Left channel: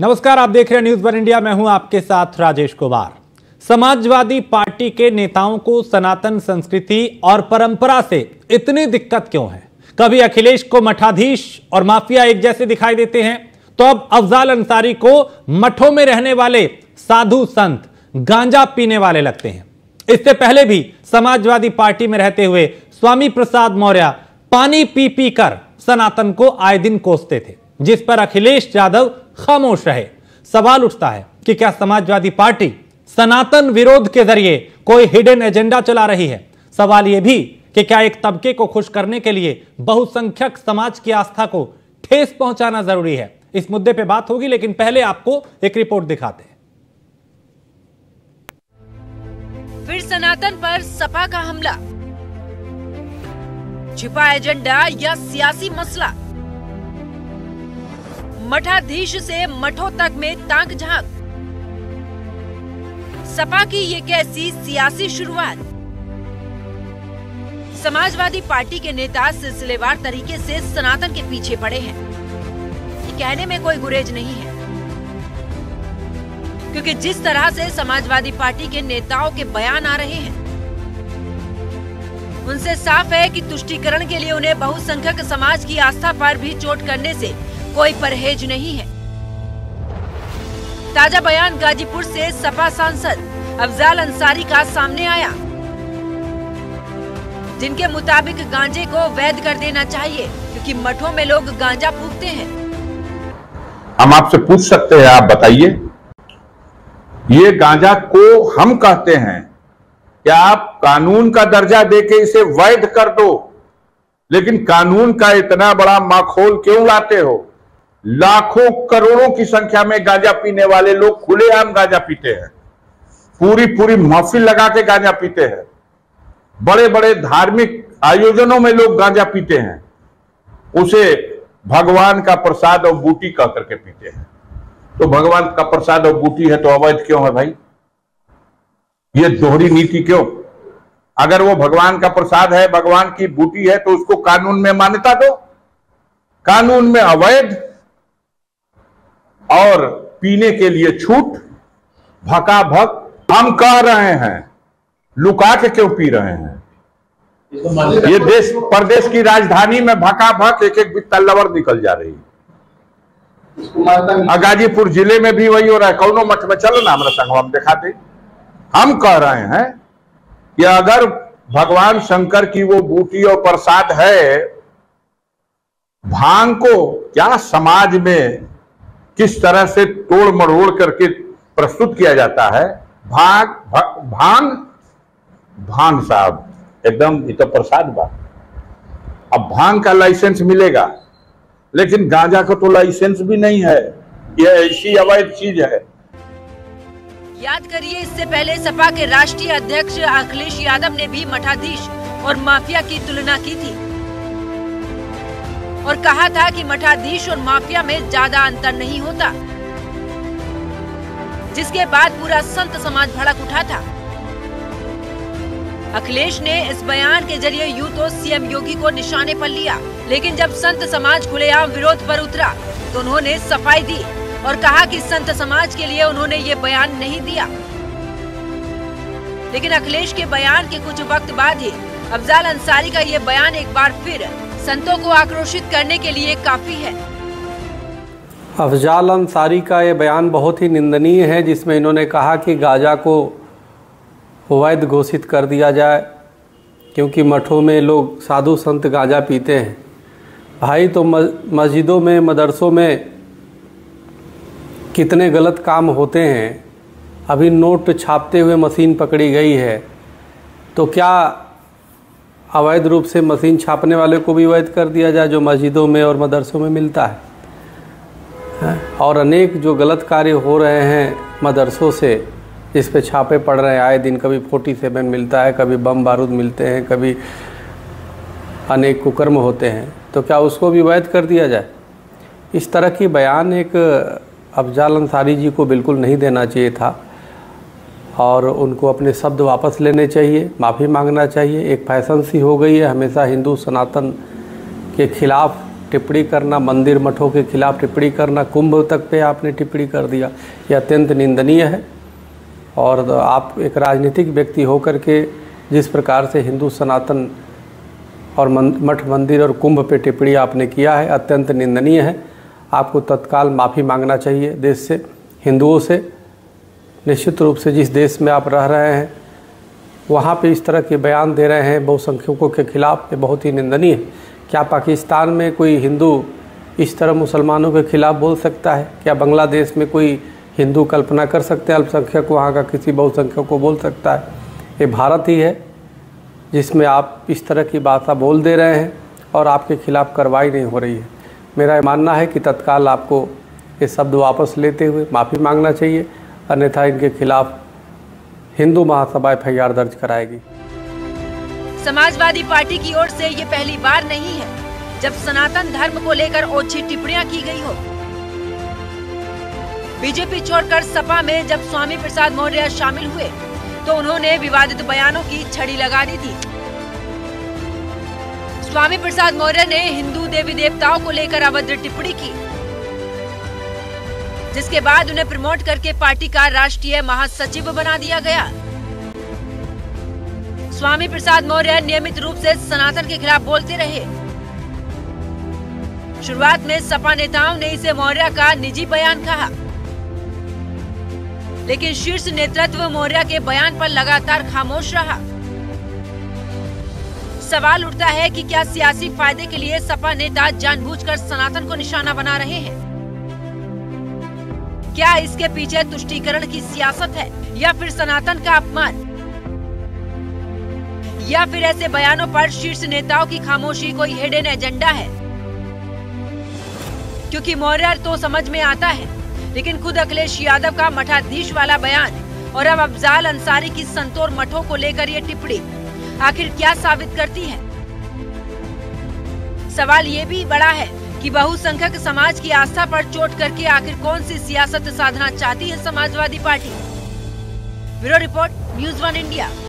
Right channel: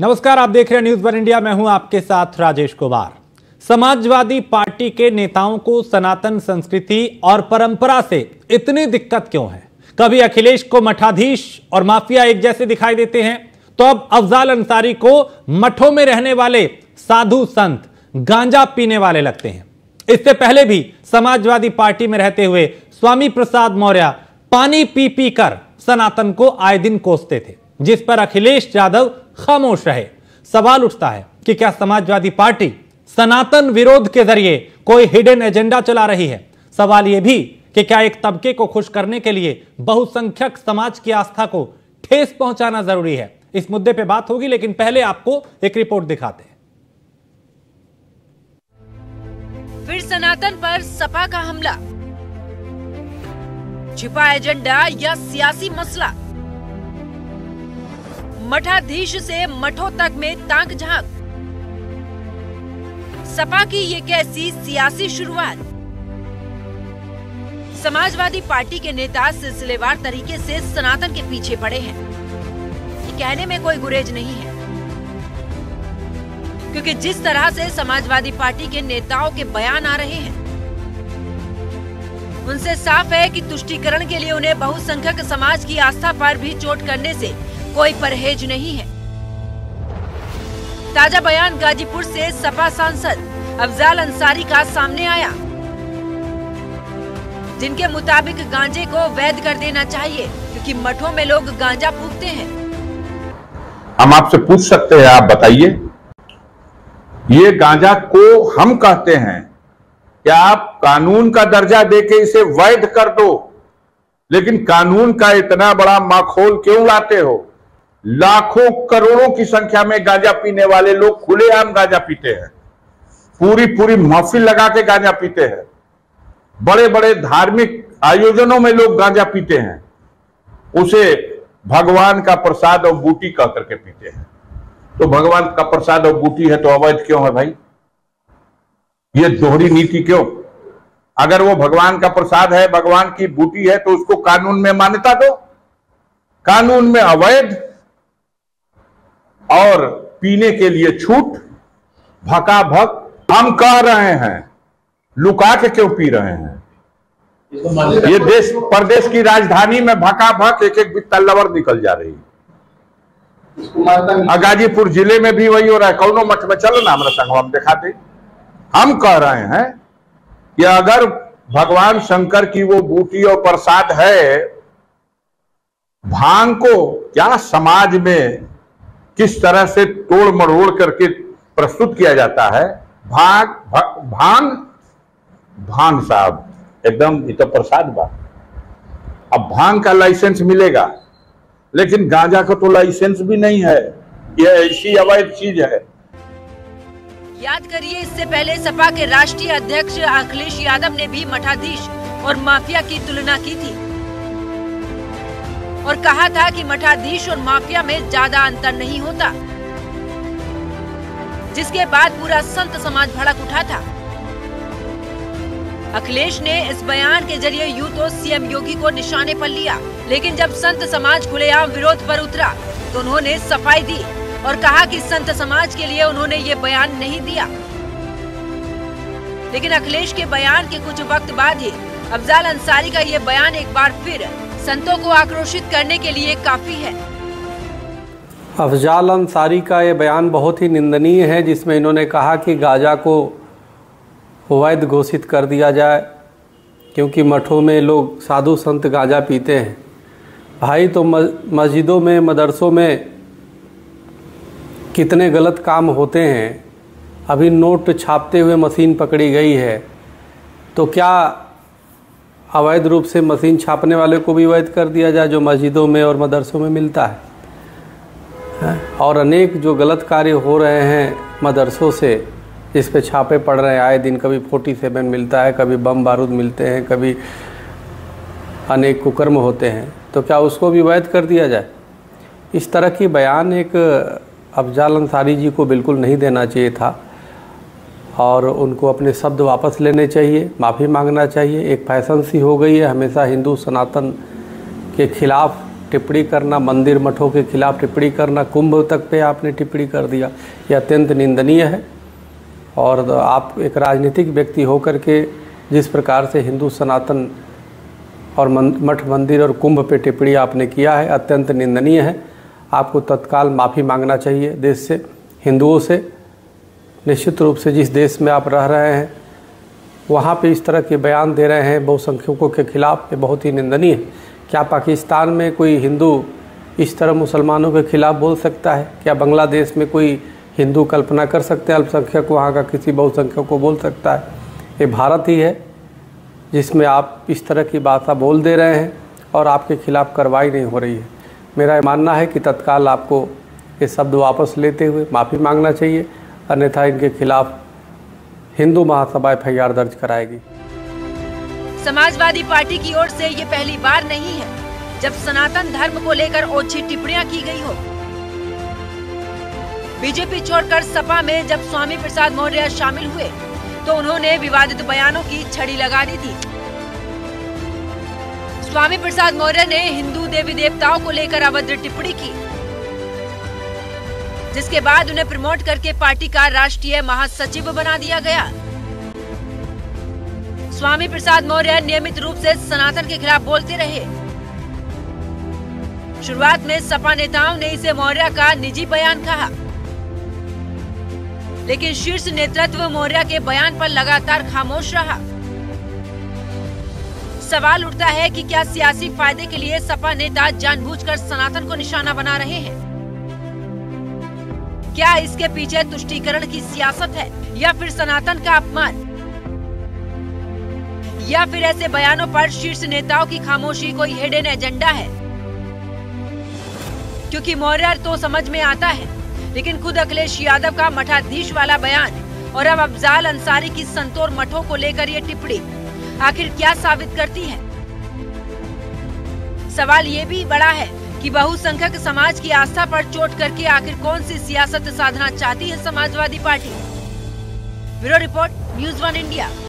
नमस्कार, आप देख रहे हैं न्यूज़ वन इंडिया। मैं हूं आपके साथ राजेश कुमार। समाजवादी पार्टी के नेताओं को सनातन संस्कृति और परंपरा से इतनी दिक्कत क्यों है? कभी अखिलेश को मठाधीश और माफिया एक जैसे दिखाई देते हैं, तो अब अफजाल अंसारी को मठों में रहने वाले साधु संत गांजा पीने वाले लगते हैं। इससे पहले भी समाजवादी पार्टी में रहते हुए स्वामी प्रसाद मौर्य पानी पी पी कर सनातन को आए दिन कोसते थे, जिस पर अखिलेश यादव खामोश रहे। सवाल उठता है कि क्या समाजवादी पार्टी सनातन विरोध के जरिए कोई हिडन एजेंडा चला रही है? सवाल यह भी कि क्या एक तबके को खुश करने के लिए बहुसंख्यक समाज की आस्था को ठेस पहुंचाना जरूरी है? इस मुद्दे पे बात होगी, लेकिन पहले आपको एक रिपोर्ट दिखाते हैं। फिर सनातन पर सपा का हमला, छिपा एजेंडा या सियासी मसला? मठाधीश से मठों तक में ताक झांक, सपा की ये कैसी सियासी शुरुआत? समाजवादी पार्टी के नेता सिलसिलेवार तरीके से सनातन के पीछे पड़े हैं। ये कहने में कोई गुरेज नहीं है, क्योंकि जिस तरह से समाजवादी पार्टी के नेताओं के बयान आ रहे हैं, उनसे साफ है कि तुष्टीकरण के लिए उन्हें बहुसंख्यक समाज की आस्था पर भी चोट करने से कोई परहेज नहीं है। ताजा बयान गाजीपुर से सपा सांसद अफजाल अंसारी का सामने आया, जिनके मुताबिक गांजे को वैध कर देना चाहिए, क्योंकि मठों में लोग गांजा फूकते हैं। हम आपसे पूछ सकते हैं, आप बताइए, ये गांजा को हम कहते हैं, क्या आप कानून का दर्जा देके इसे वैध कर दो? लेकिन कानून का इतना बड़ा माखौल क्यों लाते हो? लाखों करोड़ों की संख्या में गांजा पीने वाले लोग खुलेआम गांजा पीते हैं, पूरी महफिल लगा के गांजा पीते हैं, बड़े बड़े धार्मिक आयोजनों में लोग गांजा पीते हैं, उसे भगवान का प्रसाद और बूटी कह करके पीते हैं। तो भगवान का प्रसाद और बूटी है तो अवैध क्यों है भाई? ये दोहरी नीति क्यों? अगर वो भगवान का प्रसाद है, भगवान की बूटी है, तो उसको कानून में मान्यता दो। कानून में अवैध और पीने के लिए छूट, भकाभक हम कह रहे हैं, लुका के क्यों पी रहे हैं? ये देश प्रदेश की राजधानी में भकाभक एक एक बित्ता लवर निकल जा रही है। गाजीपुर जिले में भी वही हो रहा है। कौनो मठ में चलो ना, हमारा संग हम दिखाते। हम कह रहे हैं कि अगर भगवान शंकर की वो बूटी और प्रसाद है, भांग को क्या समाज में किस तरह से तोड़ मरोड़ करके प्रस्तुत किया जाता है? भांग साहब एकदम ये तो प्रसाद बात। अब भांग का लाइसेंस मिलेगा, लेकिन गांजा का तो लाइसेंस भी नहीं है। यह ऐसी अवैध चीज है। याद करिए, इससे पहले सपा के राष्ट्रीय अध्यक्ष अखिलेश यादव ने भी मठाधीश और माफिया की तुलना की थी और कहा था कि मठाधीश और माफिया में ज्यादा अंतर नहीं होता, जिसके बाद पूरा संत समाज भड़क उठा था। अखिलेश ने इस बयान के जरिए यूं तो सीएम योगी को निशाने पर लिया, लेकिन जब संत समाज खुलेआम विरोध पर उतरा तो उन्होंने सफाई दी और कहा कि संत समाज के लिए उन्होंने ये बयान नहीं दिया। लेकिन अखिलेश के बयान के कुछ वक्त बाद ही अफजाल अंसारी का ये बयान एक बार फिर संतों को आक्रोशित करने के लिए काफी है। अफजाल अंसारी का ये बयान बहुत ही निंदनीय है, जिसमें इन्होंने कहा कि गांजा को वैध घोषित कर दिया जाए, क्योंकि मठों में लोग साधु संत गांजा पीते हैं। भाई, तो मस्जिदों में, मदरसों में कितने गलत काम होते हैं। अभी नोट छापते हुए मशीन पकड़ी गई है, तो क्या अवैध रूप से मशीन छापने वाले को भी वैध कर दिया जाए, जो मस्जिदों में और मदरसों में मिलता है? और अनेक जो गलत कार्य हो रहे हैं मदरसों से, जिस पे छापे पड़ रहे हैं आए दिन, कभी 47 मिलता है, कभी बम बारूद मिलते हैं, कभी अनेक कुकर्म होते हैं, तो क्या उसको भी वैध कर दिया जाए? इस तरह की बयान एक अफजाल अंसारी जी को बिल्कुल नहीं देना चाहिए था और उनको अपने शब्द वापस लेने चाहिए, माफ़ी मांगना चाहिए। एक फैशन सी हो गई है हमेशा हिंदू सनातन के खिलाफ टिप्पणी करना, मंदिर मठों के खिलाफ टिप्पणी करना, कुंभ तक पे आपने टिप्पणी कर दिया, यह अत्यंत निंदनीय है। और आप एक राजनीतिक व्यक्ति होकर के जिस प्रकार से हिंदू सनातन और मठ मंदिर और कुंभ पे टिप्पणी आपने किया है, अत्यंत निंदनीय है। आपको तत्काल माफ़ी मांगना चाहिए देश से, हिंदुओं से। निश्चित रूप से जिस देश में आप रह रहे हैं वहाँ पे इस तरह के बयान दे रहे हैं बहुसंख्यकों के खिलाफ, ये बहुत ही निंदनीय है। क्या पाकिस्तान में कोई हिंदू इस तरह मुसलमानों के खिलाफ बोल सकता है? क्या बांग्लादेश में कोई हिंदू कल्पना कर सकते हैं अल्पसंख्यक वहाँ का किसी बहुसंख्यक को बोल सकता है? ये भारत ही है जिसमें आप इस तरह की बातें बोल दे रहे हैं और आपके खिलाफ कार्रवाई नहीं हो रही है। मेरा मानना है कि तत्काल आपको ये शब्द वापस लेते हुए माफ़ी मांगना चाहिए, अन्यथा इनके खिलाफ हिंदू महासभा एफआईआर दर्ज कराएगी। समाजवादी पार्टी की ओर से ये पहली बार नहीं है जब सनातन धर्म को लेकर ओछी टिप्पणियां की गई हो। बीजेपी छोड़कर सपा में जब स्वामी प्रसाद मौर्य शामिल हुए तो उन्होंने विवादित बयानों की छड़ी लगा दी थी। स्वामी प्रसाद मौर्य ने हिंदू देवी देवताओं को लेकर अभद्र टिप्पणी की, जिसके बाद उन्हें प्रमोट करके पार्टी का राष्ट्रीय महासचिव बना दिया गया। स्वामी प्रसाद मौर्य नियमित रूप से सनातन के खिलाफ बोलते रहे। शुरुआत में सपा नेताओं ने इसे मौर्य का निजी बयान कहा, लेकिन शीर्ष नेतृत्व मौर्य के बयान पर लगातार खामोश रहा। सवाल उठता है कि क्या सियासी फायदे के लिए सपा नेता जानबूझकर सनातन को निशाना बना रहे हैं? क्या इसके पीछे तुष्टीकरण की सियासत है या फिर सनातन का अपमान, या फिर ऐसे बयानों पर शीर्ष नेताओं की खामोशी कोई हिडन एजेंडा है? क्योंकि मौर्य तो समझ में आता है, लेकिन खुद अखिलेश यादव का मठाधीश वाला बयान और अब अफजाल अंसारी की संतोर मठों को लेकर ये टिप्पणी आखिर क्या साबित करती है? सवाल ये भी बड़ा है कि बहुसंख्यक समाज की आस्था पर चोट करके आखिर कौन सी सियासत साधना चाहती है Samajwadi party. Bureau report, news 1 India.